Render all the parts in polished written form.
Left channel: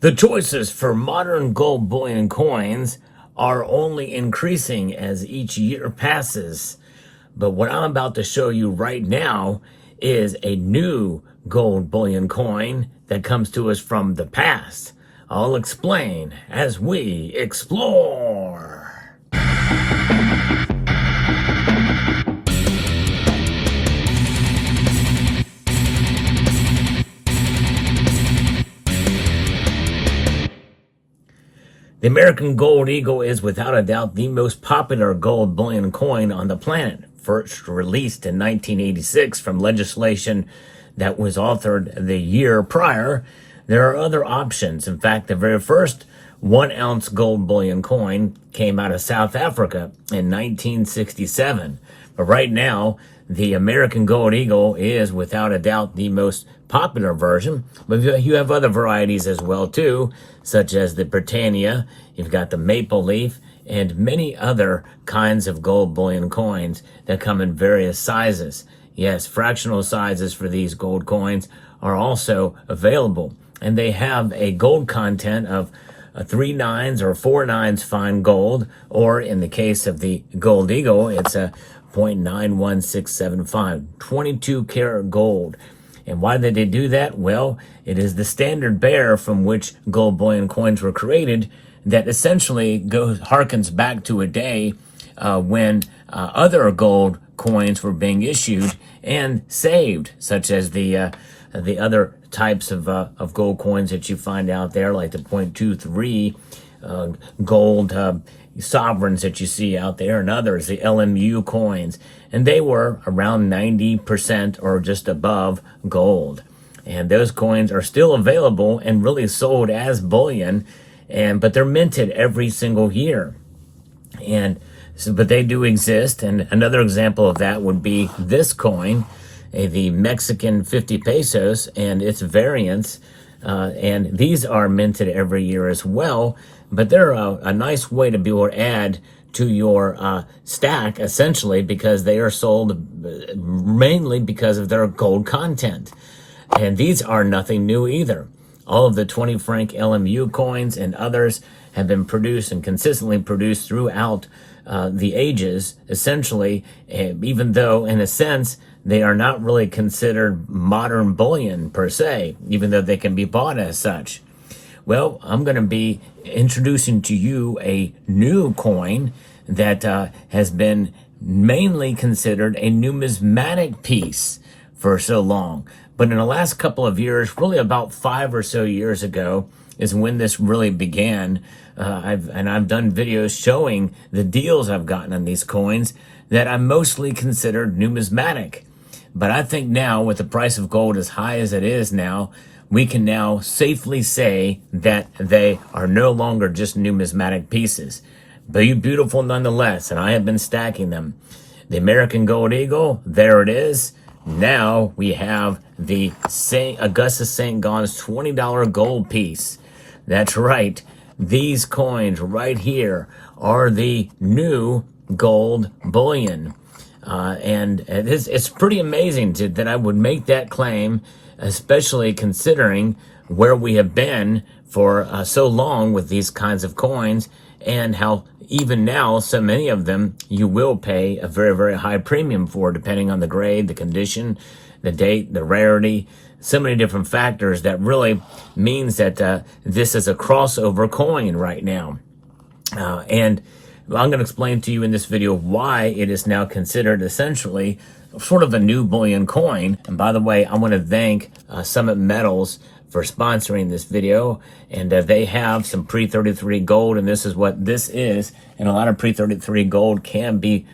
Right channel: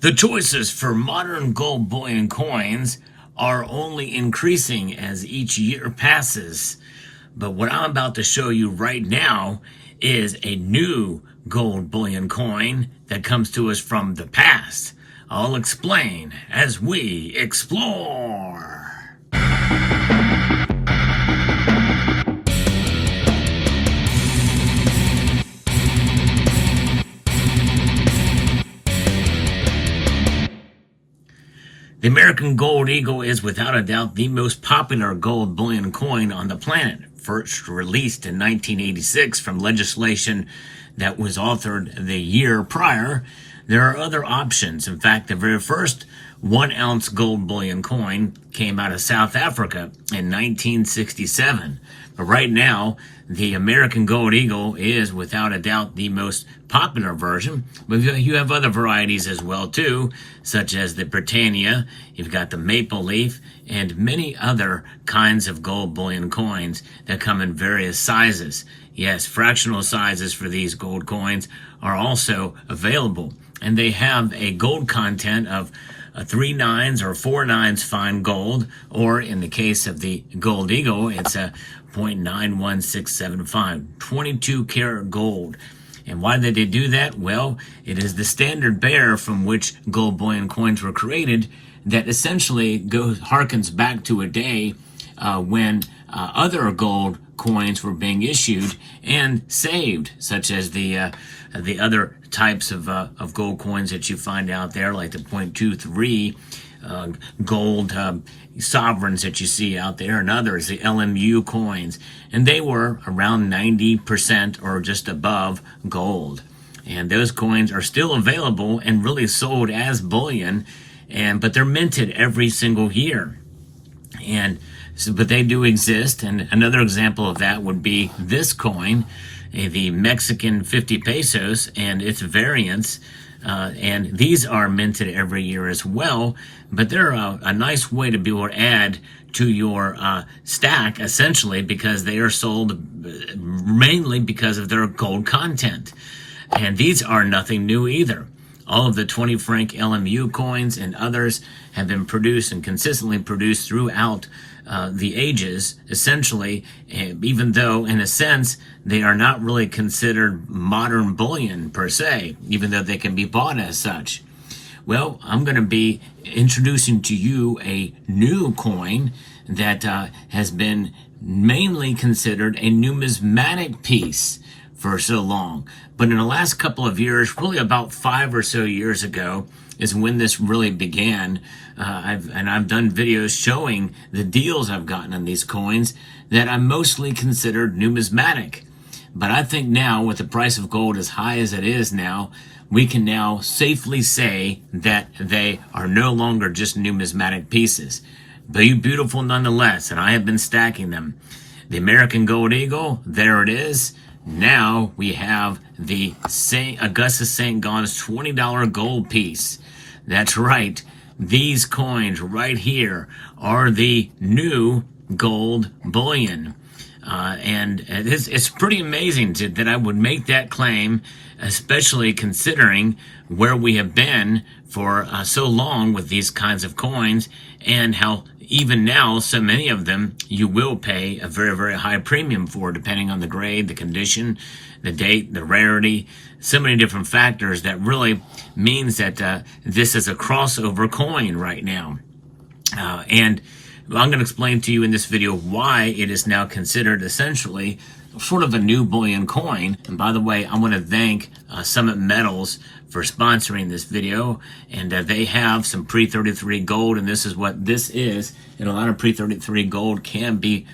The choices for modern gold bullion coins are only increasing as each year passes. But what I'm about to show you right now is a new gold bullion coin that comes to us from the past. I'll explain as we explore. The American Gold Eagle is without a doubt the most popular gold bullion coin on the planet. First released in 1986 from legislation that was authored the year prior, there are other options. In fact, the very first 1 ounce gold bullion coin came out of South Africa in 1967. But right now, the American Gold Eagle is without a doubt the most popular version, but you have other varieties as well too, such as the Britannia, you've got the Maple Leaf, and many other kinds of gold bullion coins that come in various sizes. Yes, fractional sizes for these gold coins are also available, and they have a gold content of 3 nines or 4 nines fine gold, or in the case of the Gold Eagle, it's a 0.91675, 22 karat gold. And why did they do that? Well, it is the standard bearer from which gold bullion coins were created that essentially harkens back to a day when other gold coins were being issued and saved, such as the other types of gold coins that you find out there, like the 0.23 gold sovereigns that you see out there, and others, the LMU coins, and they were around 90% or just above gold. And those coins are still available and really sold as bullion, but they're minted every single year. But they do exist, and another example of that would be this coin, the Mexican 50 pesos and its variants. And these are minted every year as well, but they're a nice way to be able to add to your stack, essentially, because they are sold mainly because of their gold content. And these are nothing new either. All of the 20 franc LMU coins and others have been produced and consistently produced throughout the ages, essentially, even though, in a sense, they are not really considered modern bullion per se, even though they can be bought as such. Well, I'm going to be introducing to you a new coin that has been mainly considered a numismatic piece for so long. But in the last couple of years, really about 5 or so years ago, is when this really began. I've done videos showing the deals I've gotten on these coins that I mostly considered numismatic. But I think now, with the price of gold as high as it is now, we can now safely say that they are no longer just numismatic pieces. But beautiful nonetheless, and I have been stacking them. The American Gold Eagle, there it is. Now we have the Augustus St. Gaudens $20 gold piece. That's right. These coins right here are the new gold bullion. And it's pretty amazing that I would make that claim, especially considering where we have been for so long with these kinds of coins, and how even now so many of them you will pay a very, very high premium for, depending on the grade, the condition, the date, the rarity, so many different factors that really means that this is a crossover coin right now. And I'm going to explain to you in this video why it is now considered essentially sort of a new bullion coin. And by the way, I want to thank Summit Metals for sponsoring this video. And they have some pre-33 gold, and this is what this is. And a lot of pre-33 gold can be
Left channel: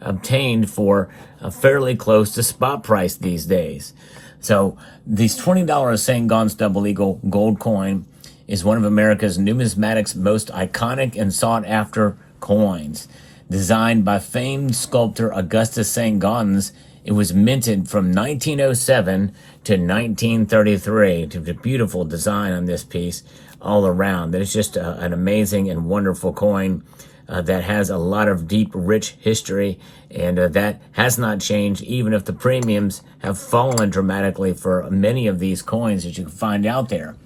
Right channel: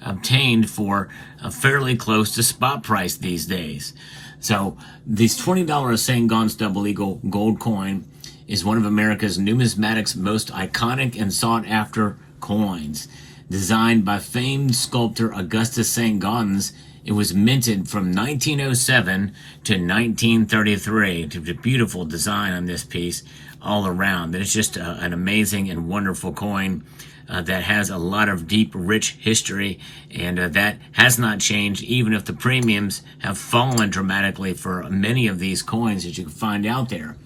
obtained for fairly close to spot price these days. So this $20 St. Gaudens Double Eagle gold coin is one of America's numismatics most iconic and sought after coins. Designed by famed sculptor Augustus St. Gaudens, it was minted from 1907 to 1933. It's a beautiful design on this piece all around. It's just an amazing and wonderful coin that has a lot of deep, rich history, and that has not changed, even if the premiums have fallen dramatically for many of these coins that you can find out there.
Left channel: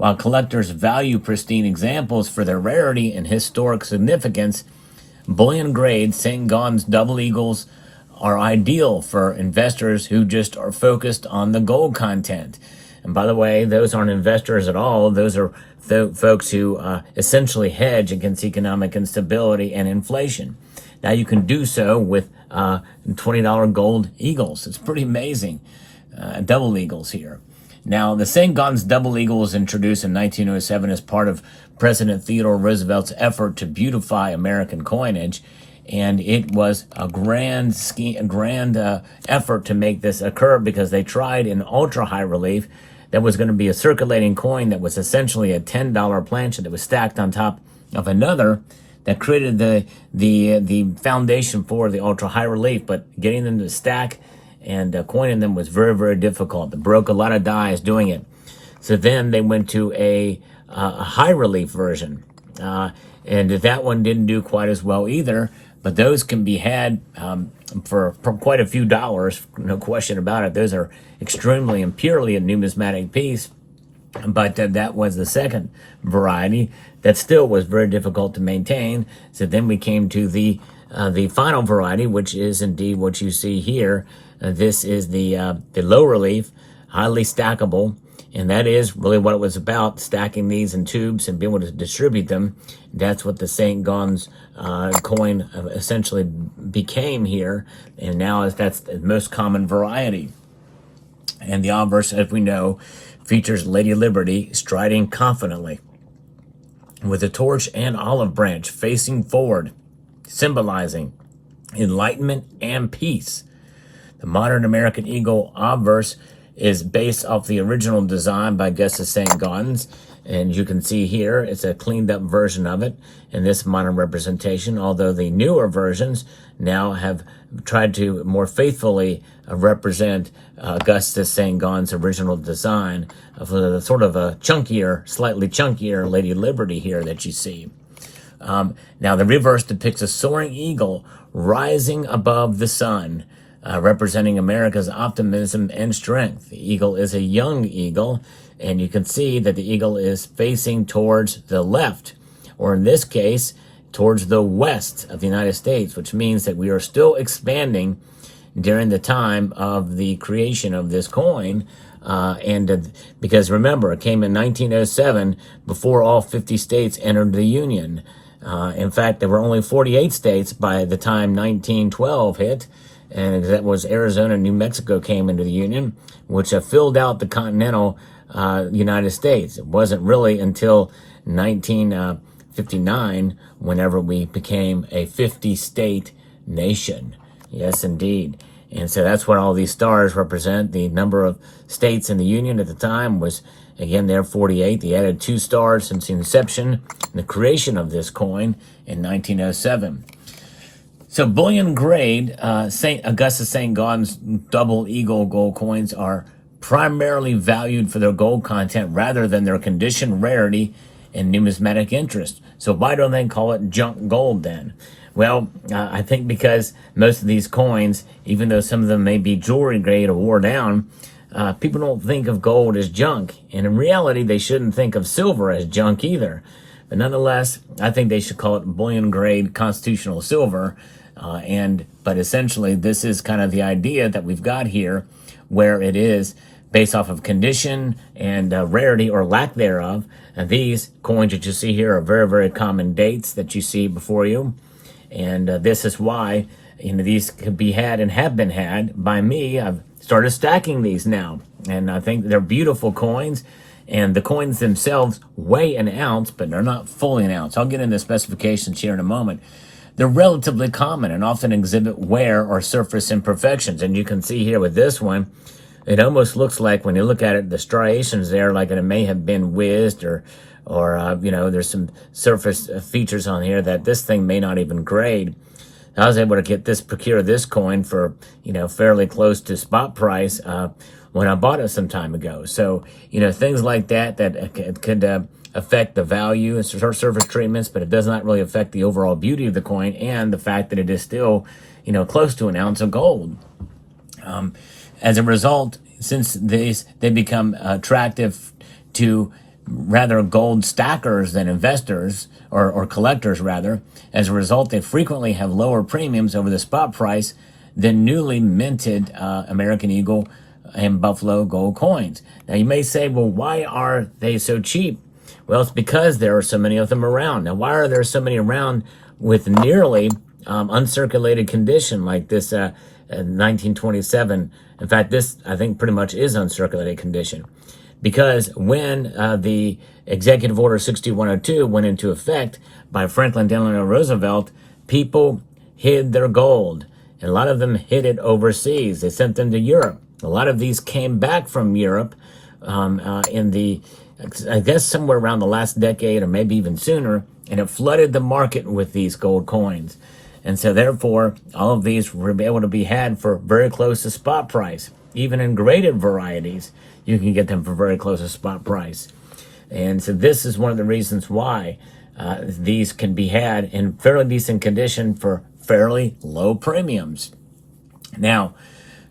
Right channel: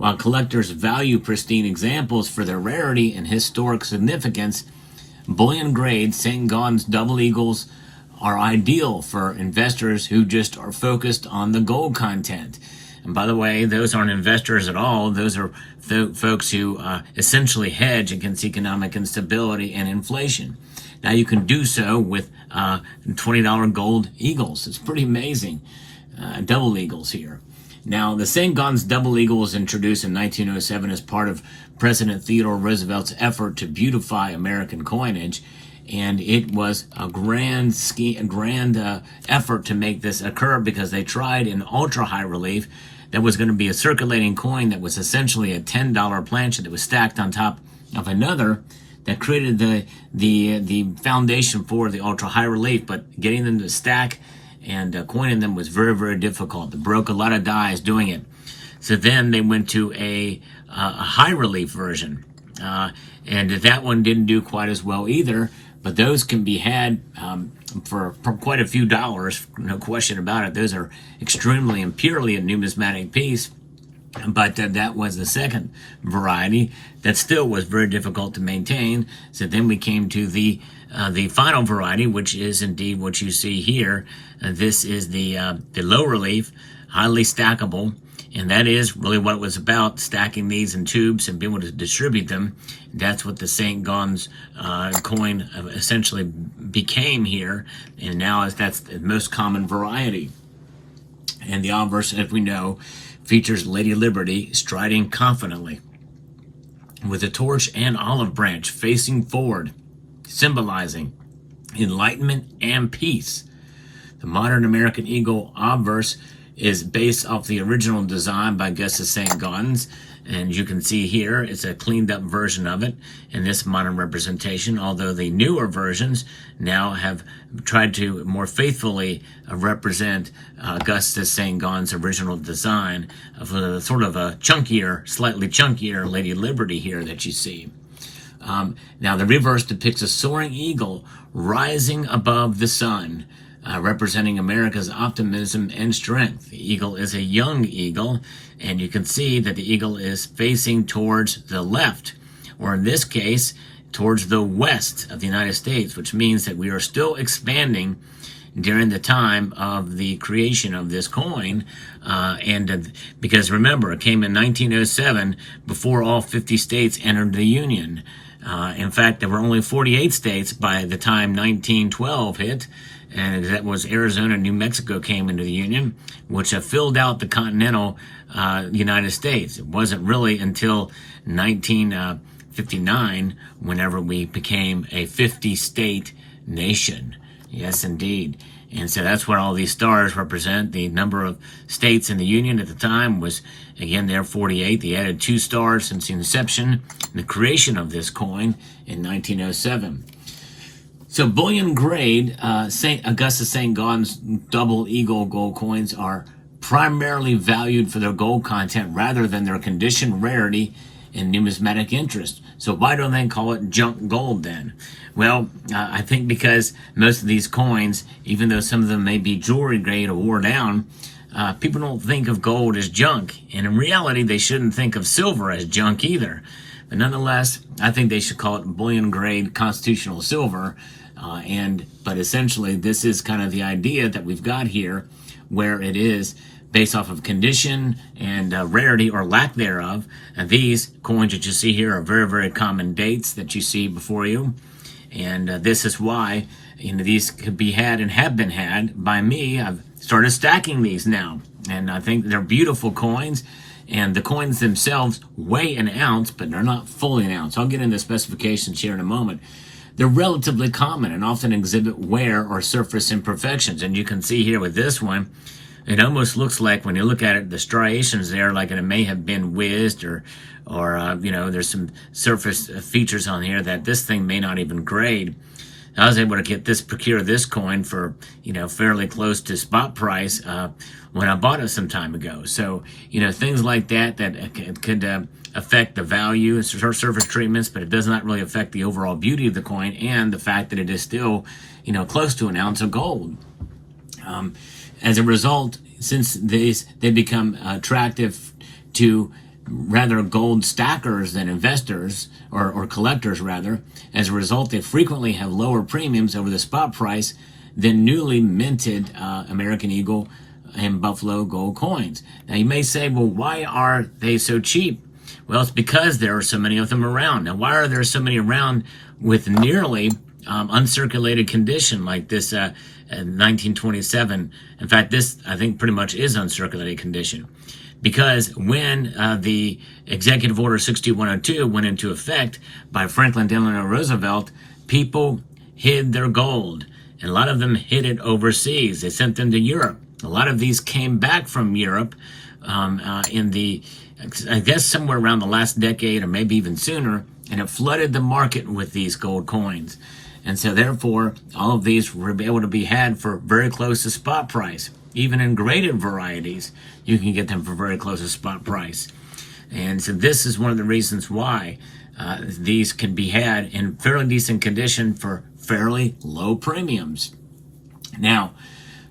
While collectors value pristine examples for their rarity and historic significance, bullion grade St. Gaudens double eagles are ideal for investors who just are focused on the gold content. And by the way, those aren't investors at all. Those are folks who essentially hedge against economic instability and inflation. Now you can do so with $20 gold eagles. It's pretty amazing. Double eagles here. Now, the St. Gaudens double eagle was introduced in 1907 as part of President Theodore Roosevelt's effort to beautify American coinage, and it was a grand effort to make this occur because they tried in ultra high relief that was going to be a circulating coin that was essentially a $10 planchet that was stacked on top of another that created the foundation for the ultra high relief, but getting them to stack and coining them was very, very difficult. They broke a lot of dies doing it. So then they went to a high relief version, and that one didn't do quite as well either. But those can be had for quite a few dollars, no question about it. Those are extremely and purely a numismatic piece. But that was the second variety that still was very difficult to maintain. So then we came to the final variety, which is indeed what you see here. This is the low relief, highly stackable, and that is really what it was about, stacking these in tubes and being able to distribute them. That's what the St. Gaudens coin essentially became here, and now that's the most common variety. And the obverse, as we know, features Lady Liberty striding confidently with a torch and olive branch facing forward, symbolizing enlightenment and peace. The modern American eagle obverse is based off the original design by Augustus St. Gaudens, and you can see here it's a cleaned up version of it in this modern representation, although the newer versions now have tried to more faithfully represent Augustus St. Gaudens' original design of a sort of a chunkier, slightly chunkier Lady Liberty here that you see. Now the reverse depicts a soaring eagle rising above the sun, representing America's optimism and strength. The eagle is a young eagle, and you can see that the eagle is facing towards the left, or in this case, towards the west of the United States, which means that we are still expanding during the time of the creation of this coin. Because remember, it came in 1907 before all 50 states entered the Union. In fact, there were only 48 states by the time 1912 hit, and that was Arizona and New Mexico came into the Union, which filled out the continental United States. It wasn't really until 1959 whenever we became a 50-state nation. Yes, indeed. And so that's what all these stars represent. The number of states in the Union at the time was, again, there 48. They added 2 stars since the inception and the creation of this coin in 1907. So bullion grade Augustus St. Gaudens double eagle gold coins are primarily valued for their gold content rather than their condition, rarity, and numismatic interest. So why don't they call it junk gold then? Well, I think because most of these coins, even though some of them may be jewelry grade or wore down, people don't think of gold as junk. And in reality, they shouldn't think of silver as junk either. But nonetheless, I think they should call it bullion grade constitutional silver. But essentially, this is kind of the idea that we've got here, where it is based off of condition and rarity or lack thereof. And these coins that you see here are very, very common dates that you see before you. And this is why these could be had and have been had by me. I've started stacking these now, and I think they're beautiful coins. And the coins themselves weigh an ounce, but they're not fully an ounce. I'll get into specifications here in a moment. They're relatively common and often exhibit wear or surface imperfections. And you can see here with this one, it almost looks like when you look at it, the striations there, like it may have been whizzed or there's some surface features on here that this thing may not even grade. I was able to procure this coin for, fairly close to spot price when I bought it some time ago. So, things like that could affect the value and surface treatments, but it does not really affect the overall beauty of the coin and the fact that it is still, close to an ounce of gold. As a result, since they become attractive to rather gold stackers than investors, or collectors rather. As a result, they frequently have lower premiums over the spot price than newly minted American Eagle and Buffalo gold coins. Now you may say, well, why are they so cheap? Well, it's because there are so many of them around. Now, why are there so many around with nearly uncirculated condition like this 1927? In fact, this, I think, pretty much is uncirculated condition. Because when the Executive Order 6102 went into effect by Franklin Delano Roosevelt, people hid their gold. And a lot of them hid it overseas. They sent them to Europe. A lot of these came back from Europe in the, I guess, somewhere around the last decade or maybe even sooner, and it flooded the market with these gold coins. And so therefore, all of these were able to be had for very close to spot price. Even in graded varieties, you can get them for very close to spot price. And so this is one of the reasons why these can be had in fairly decent condition for fairly low premiums. Now,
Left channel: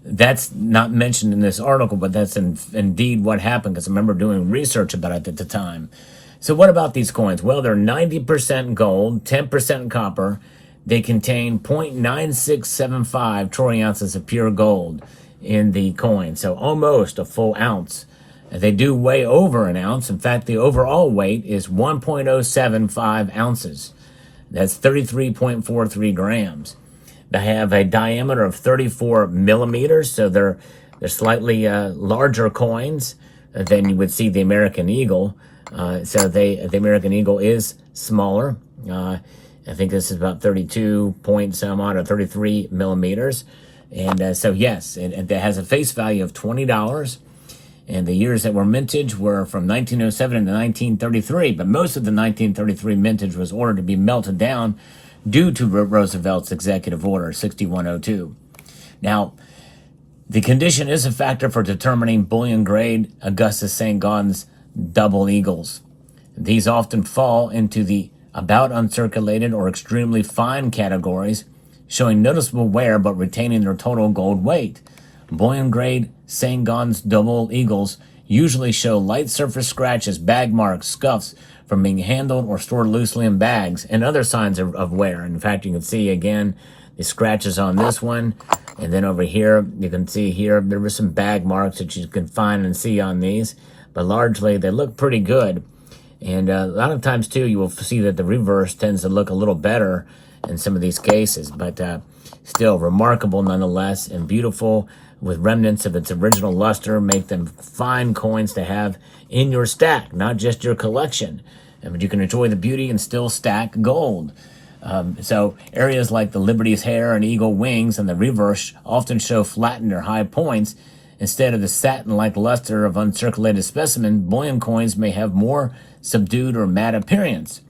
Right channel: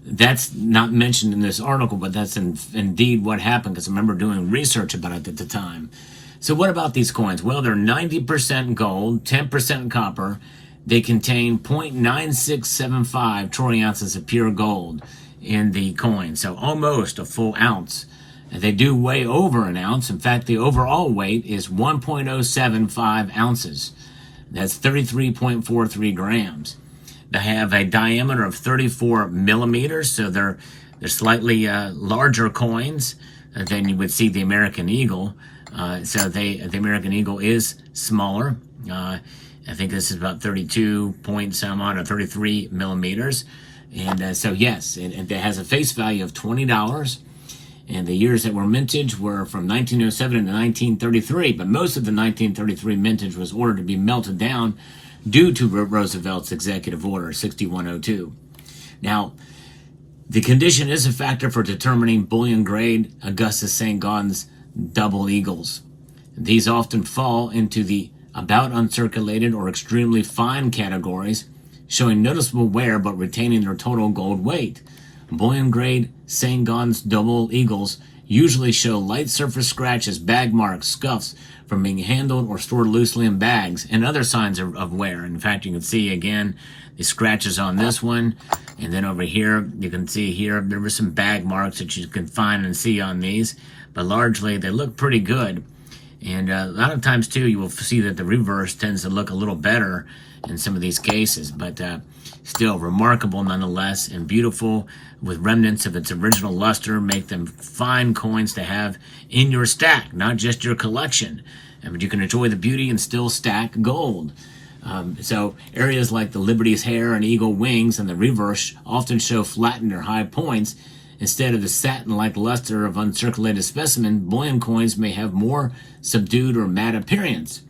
that's not mentioned in this article, but that's indeed what happened, because I remember doing research about it at the time. So what about these coins? Well, they're 90% gold, 10% copper. They contain 0.9675 troy ounces of pure gold in the coin, so almost a full ounce. They do weigh over an ounce. In fact, the overall weight is 1.075 ounces. That's 33.43 grams. They have a diameter of 34 millimeters, so they're slightly larger coins than you would see the American Eagle. So the American Eagle is smaller. I think this is about 32 point some odd, or 33 millimeters. And so yes, it has a face value of $20. And the years that were mintage were from 1907 to 1933. But most of the 1933 mintage was ordered to be melted down due to Roosevelt's Executive Order 6102. Now, the condition is a factor for determining bullion grade Augustus St. Gaudens double eagles. These often fall into the about uncirculated or extremely fine categories, showing noticeable wear but retaining their total gold weight. Bullion grade St. Gaudens double eagles usually show light surface scratches, bag marks, scuffs from being handled or stored loosely in bags, and other signs of wear. In fact, you can see again the scratches on this one, and then over here you can see here there were some bag marks that you can find and see on these, but largely they look pretty good. And a lot of times too, you will see that the reverse tends to look a little better in some of these cases, but still remarkable nonetheless, and beautiful with remnants of its original luster. Make them fine coins to have in your stack, not just your collection. But you can enjoy the beauty and still stack gold. So areas like the Liberty's hair and eagle wings and the reverse often show flattened or high points. Instead of the satin-like luster of uncirculated specimen, bullion coins may have more subdued or matte appearance.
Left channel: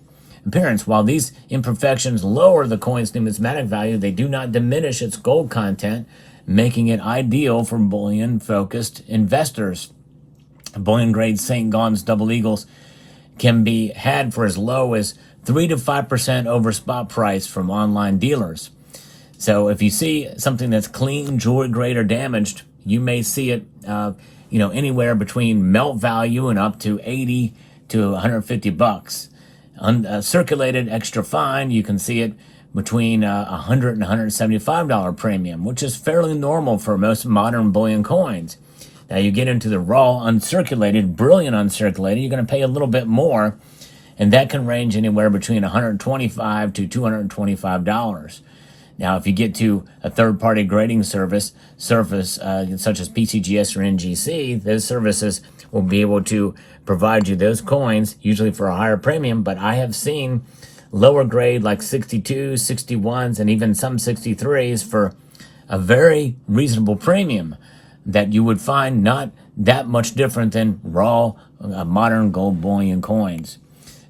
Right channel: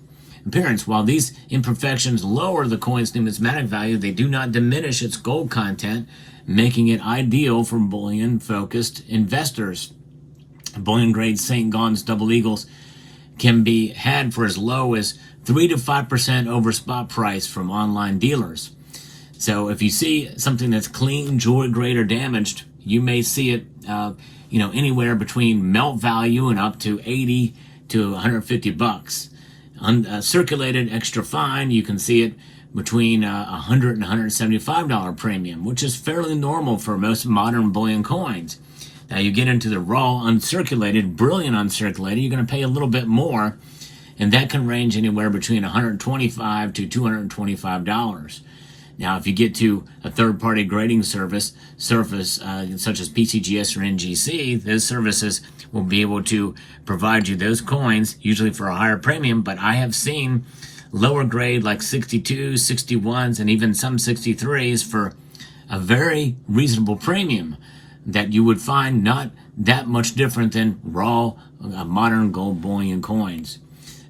While these imperfections lower the coin's numismatic value, they do not diminish its gold content, making it ideal for bullion-focused investors. Bullion-grade St. Gaudens double eagles can be had for as low as 3 to 5% over spot price from online dealers. So if you see something that's clean, jewelry grade, or damaged, you may see it, anywhere between melt value and up to 80 to 150 bucks. Circulated extra fine, you can see it between $100 and $175 premium, which is fairly normal for most modern bullion coins. Now you get into the raw uncirculated, brilliant uncirculated, you're going to pay a little bit more, and that can range anywhere between $125 to $225. Now, if you get to a third-party grading service such as PCGS or NGC, those services will be able to provide you those coins, usually for a higher premium, but I have seen lower grade like 62s, 61s, and even some 63s for a very reasonable premium that you would find not that much different than raw modern gold bullion coins.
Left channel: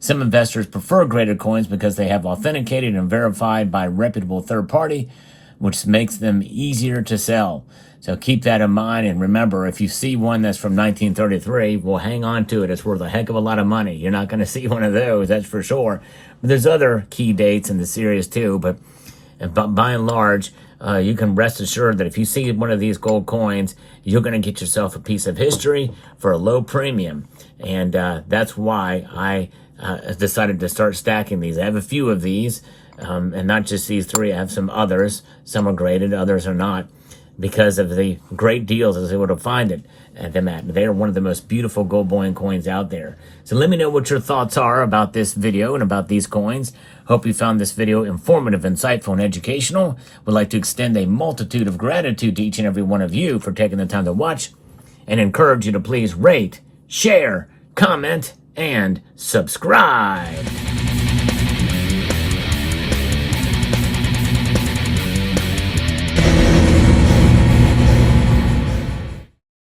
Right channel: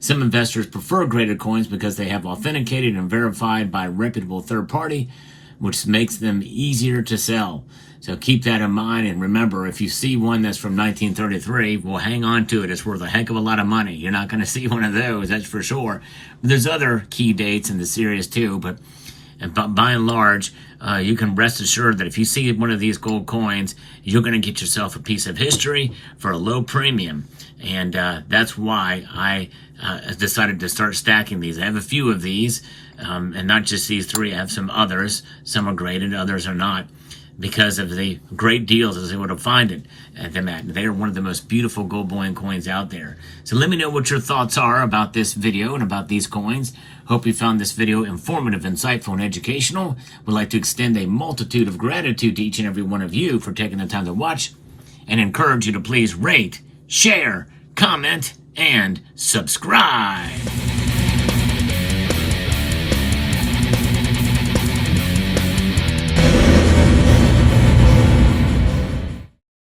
Some investors prefer graded coins because they have authenticated and verified by a reputable third party, which makes them easier to sell. So keep that in mind, and remember, if you see one that's from 1933, well, hang on to it. It's worth a heck of a lot of money. You're not going to see one of those, that's for sure. But there's other key dates in the series too, but But by and large, you can rest assured that if you see one of these gold coins, you're going to get yourself a piece of history for a low premium. And that's why I decided to start stacking these. I have a few of these, and not just these three. I have some others. Some are graded, others are not, because of the great deals I was able to find them at. They are one of the most beautiful gold bullion coins out there. So let me know what your thoughts are about this video and about these coins. Hope you found this video informative, insightful, and educational. Would like to extend a multitude of gratitude to each and every one of you for taking the time to watch, and encourage you to please rate, share, comment, and subscribe.